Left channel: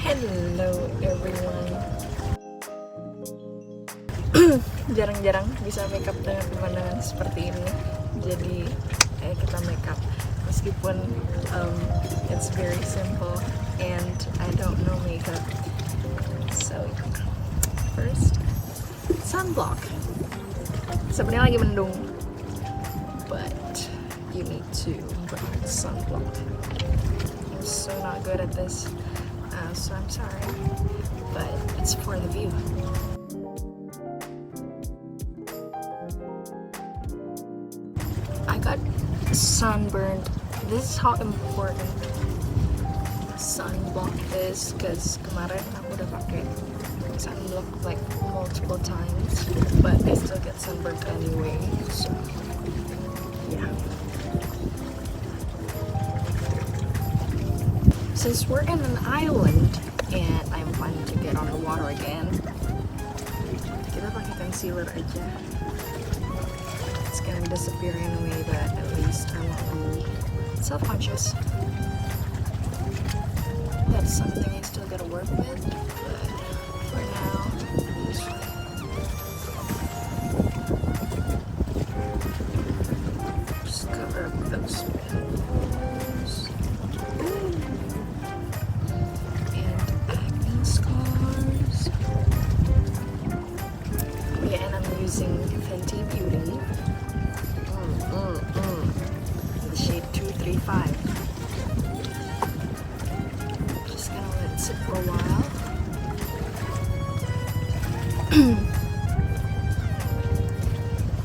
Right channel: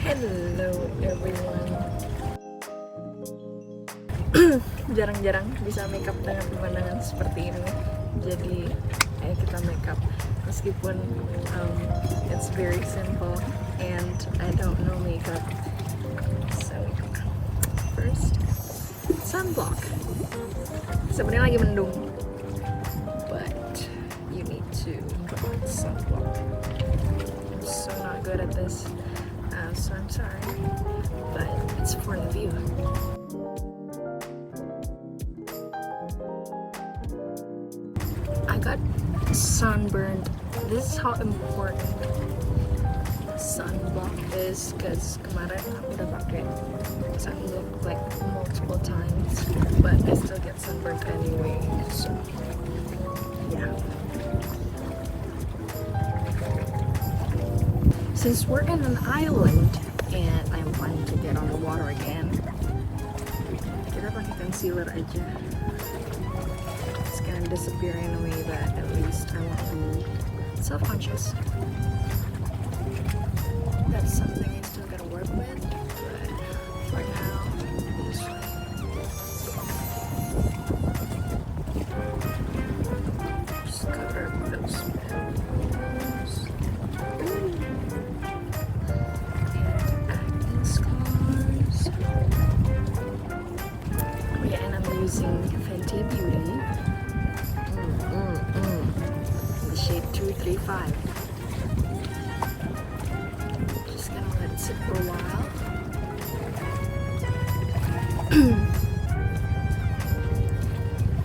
Hello everyone. Jarang-jarang bisa makeup dengan pemandangan seperti ini. Jadi kita makeup meskipun it's very simple and I don't know makeup. So first sunblock. Sebenarnya lagi mendung, but you need to put sunblock. I'm so not good at this. So I'm sorry, but it's for the view. I got sunburned. This is how important sunblock is, because kemarin aku udah pakai sunblock like multiple times, but I still get sunburned anyway. So yeah. Since we're in an island and I'm planning to get on the water again, kita pakai concealer aja. It's gonna disappear anyway, but at least I won't be self-conscious. That's something I still gotta work with, but for now, this one. Just cover up those pimples. Using Fenty Beauty in the shade 235. Just gonna let it sit for a while.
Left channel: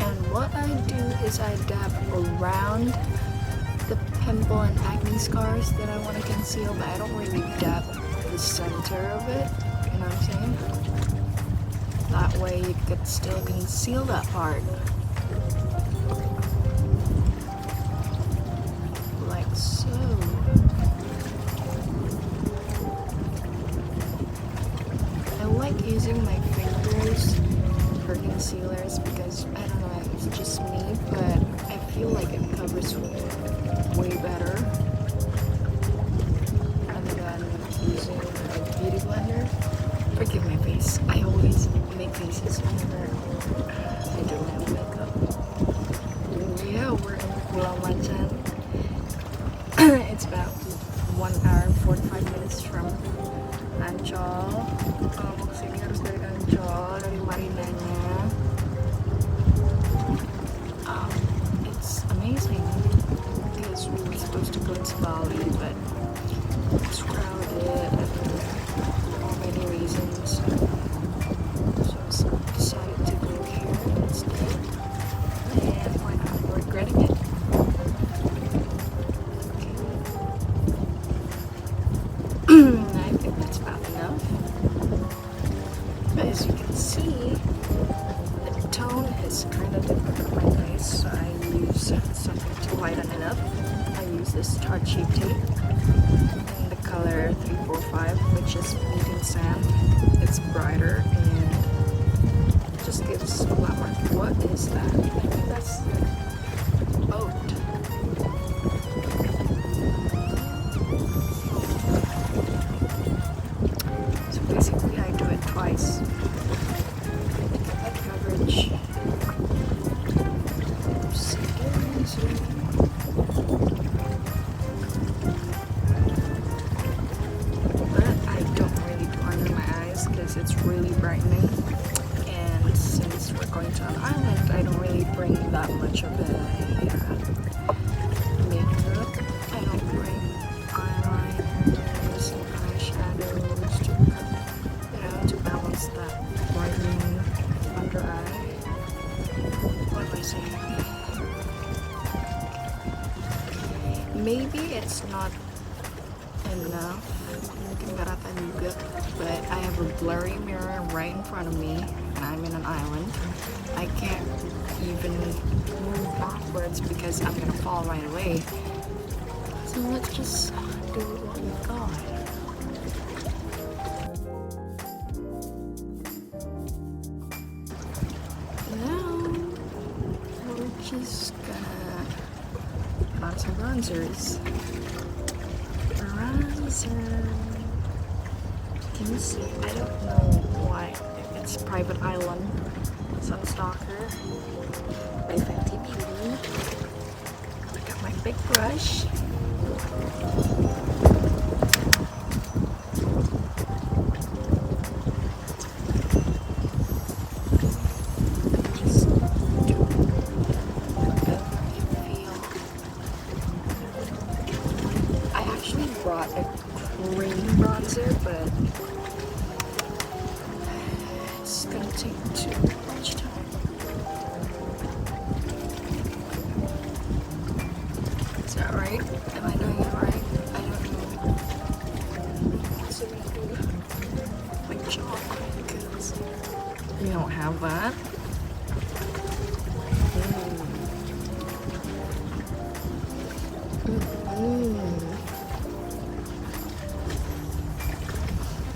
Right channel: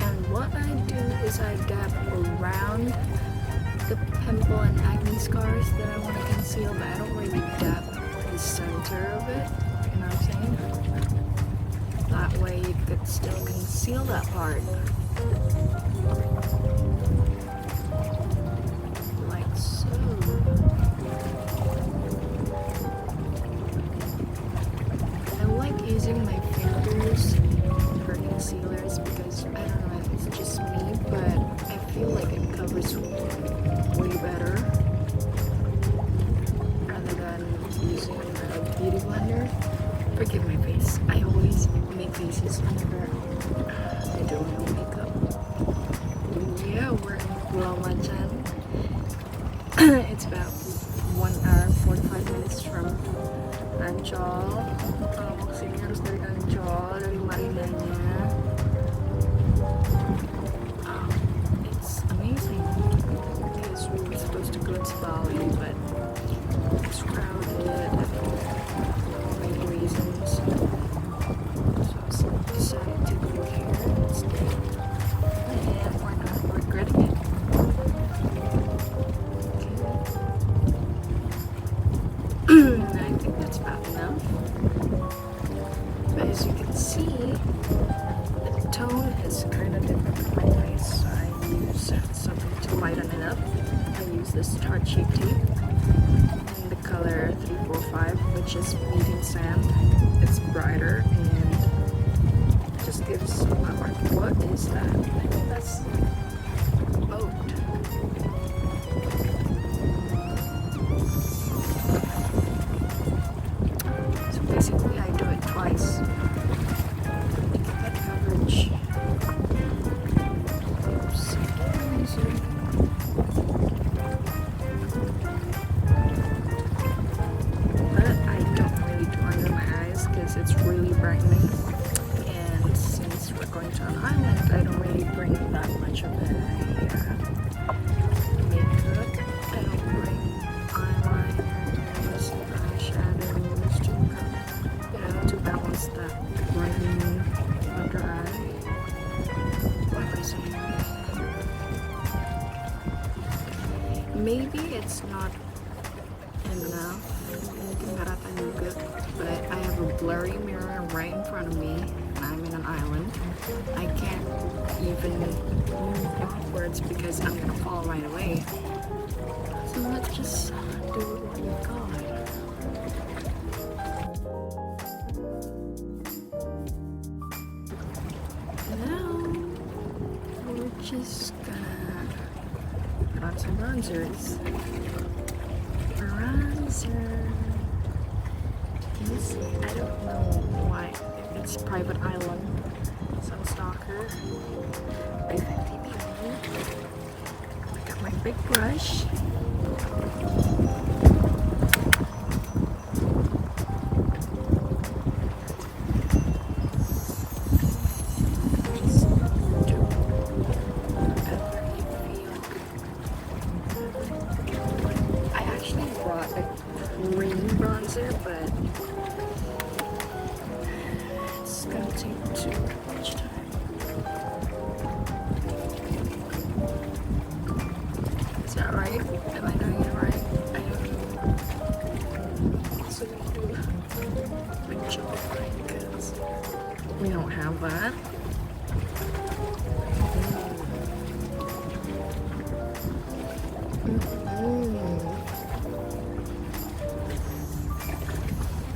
And what I do is I dab around the pimple and acne scars that I want to conceal, but I don't really dab the center of it, you know what I'm saying? That way you could still conceal that part. Like so. I like using my fingers for concealers because, I don't know, it's just me, but I feel like it covers way better rather than using a beauty blender. Forgive my face. I always make faces whenever I do my own makeup. Yeah, we're in Pulau Macan. It's about 1 hour 45 minutes from Ancol. Mau kesini harus dari Ancol, dari marinanya. It's amazing because we were supposed to go to Bali, but it's crowded. Reasons, so I decided to go here instead, and we're not regretting it. Okay. I think that's about enough, but as you can see, the tone is kind of different, so I use something to lighten it up. I use this Tarte Shape Tape in the color 345, which is medium sand. It's brighter and just gives a lot more. What is that? I think that's a boat. So basically I do it twice to get that coverage. It's really brightening, and since we're going to an island, I don't really bring that much of the makeup. I don't bring eyeliners and eyeshadows to balance that brightening under eye. What am I saying? Maybe it's not enough, mungkin gak rata juga, but I have a blurry mirror right in front of me and I'm in an island. I can't even move backwards because I'm gonna fall right away. So let's just do what we got. Now we're just gonna put on some bronzers. Bronzer. Can you see? I don't know why. It's private island. Sunstalker. My Fenty Beauty. I got my big brush. Brought a cream bronzer, but it's gonna take too much time. Is that right? Am I doing it right? I don't know. Also gonna do my jawline because we don't have that.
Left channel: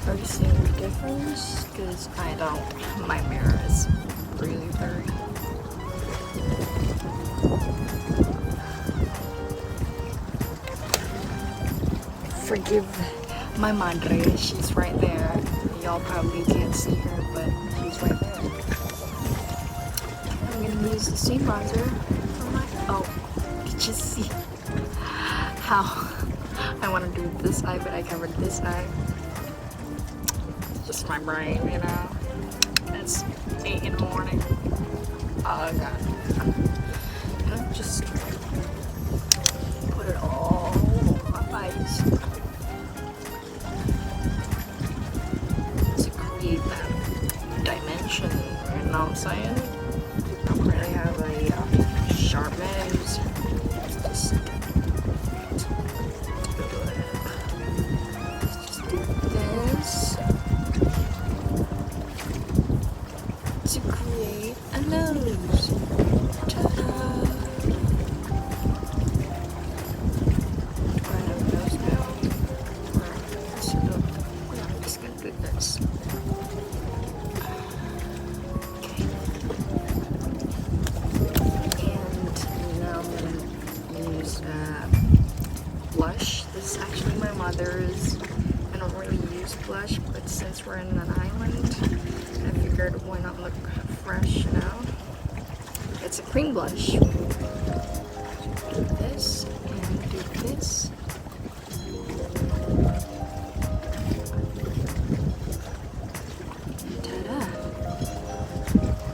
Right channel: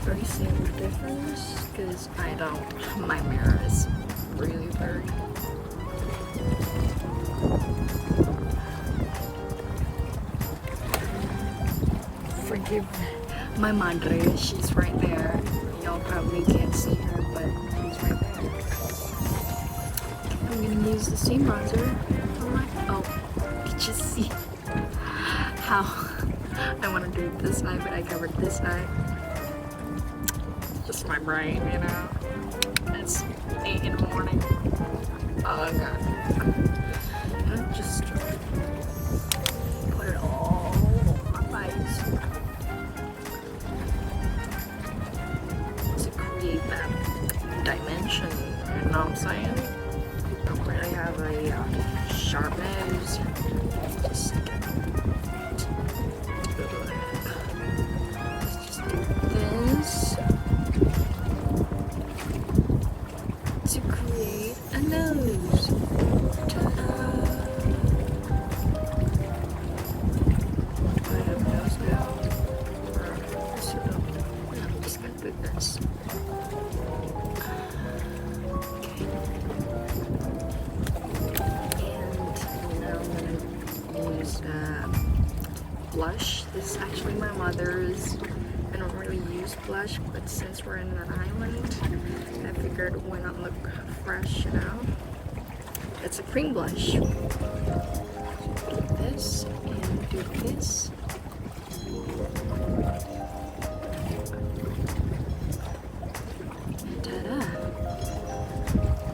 Are you seeing the difference? Because I don't. My mirror is really blurry. Forgive my madre, she's right there. Y'all probably can't see her, but she's right there. I'm gonna use the same bronzer on my. Oh, did you see how I want to do this eye, but I covered this eye? Just my brain, you know. It's 8 in the morning. Oh god. And I just put it all on my face to create that dimension. You know what I'm saying? I don't really have a sharp nose. Just do this to create a nose. Ta-da! Do I have a nose now? Or is it up? Yeah, I'm just gonna do this. Okay. And now I'm gonna use blush. This is actually my mother's. I don't really use blush, but since we're in an island, I figured why not look fresh, you know? It's a cream blush. Do this and do this. Ta-da!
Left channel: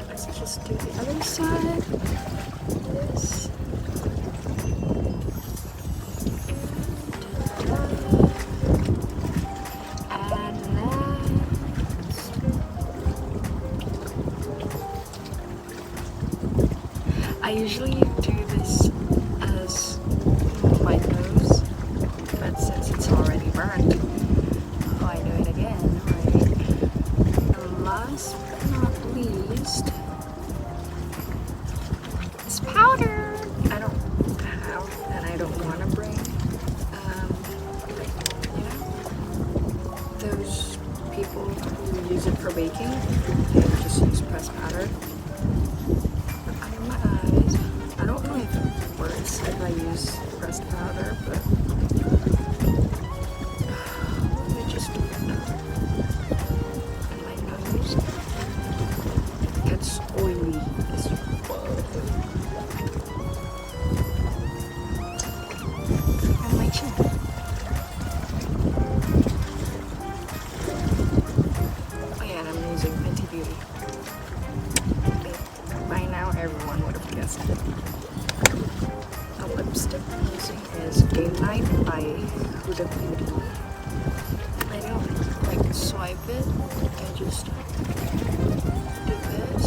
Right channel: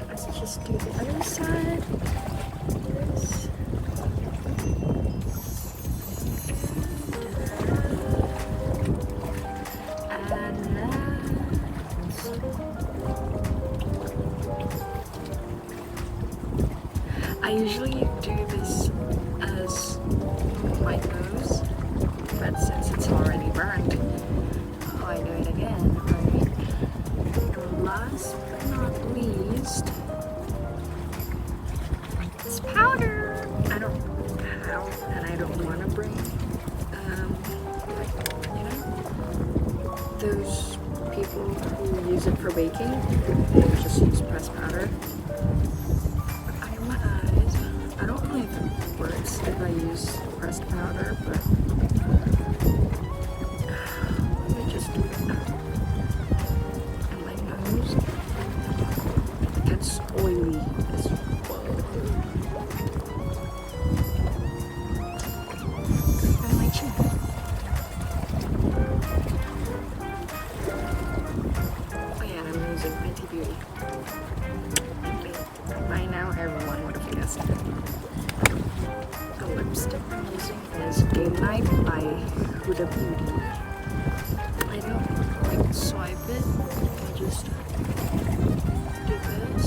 Let's just do the other side. This. I usually do this as my nose, but since it's already burned, I do it again, right? And last but not least, it's powder. I don't have, and I don't want to bring, you know, those people who use it for baking, they just use pressed powder. I don't know if it works if I use pressed powder, but let me just do it in my nose. It gets oily as well. And my chin. Oh yeah, and I'm using Fenty Beauty. By now everyone would have guessed it. The lipstick I'm using is Game Night by Huda Beauty. I don't like swipe it, I just do this.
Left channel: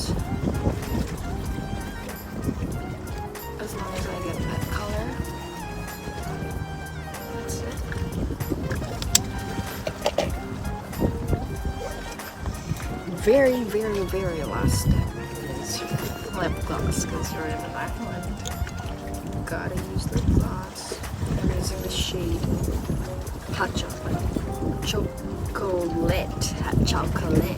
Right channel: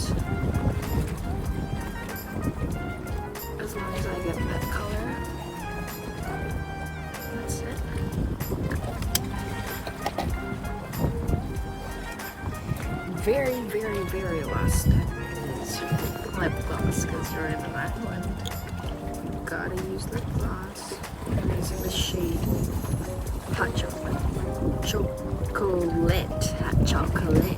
As long as I get that color, that's it. Very, very, very last step is lip gloss, because you're in an island. Gotta use lip gloss. I'm using the shade Hot Chocolate. Hot Chocolate.